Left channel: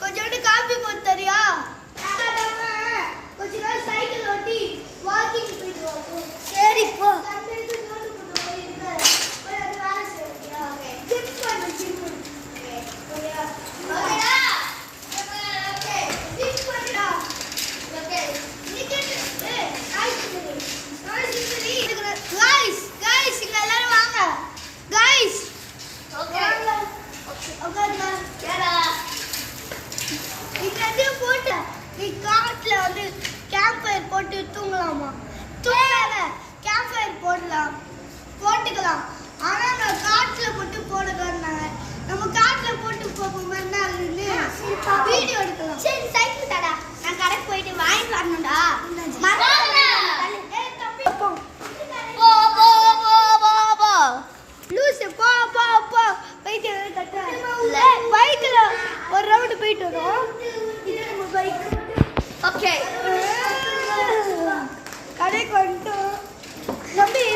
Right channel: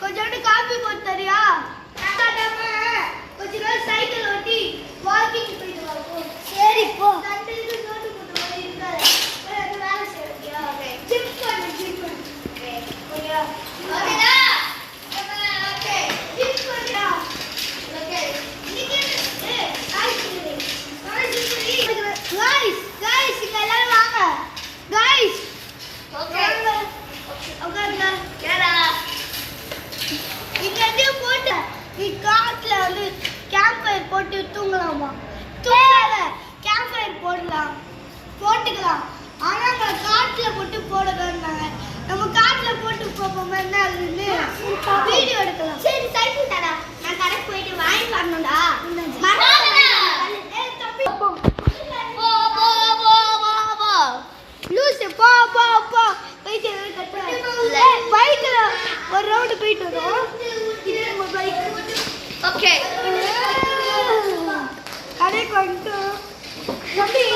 கொஞ்சோண்டு காபி போட்டு தரியா? கொஞ்ச நேரம் சைக்கிள் ஓட்டி வாக்கிங் போயிட்டு வா. சரி போ. போட்டு தூங்கலாமா? தூங்கல. கேம்ப் ஃபயர் போட்டுக்கலாம். ஆனா நான் காட்டுல போட்டு போடுறேன்னாங்க. நம்ம காட்டுல போட்டு போவோம் என்ன ஆகுதுன்னு வீடியோ எடுக்கலாம். சரி சைக்கிள் தாடா. நான் கடைக்கு போயிட்டு வாங்கிட்டு வரணும்டா. மறக்காதடா. ஏய் தம்பி போ. லூசு போ. பைக் கட்டற. பைக்ல ஒரு ரவுண்ட் போயிட்டு வரோம். இது நம்ம பைக். ஓகே. கடைக்கு வந்து தம்பி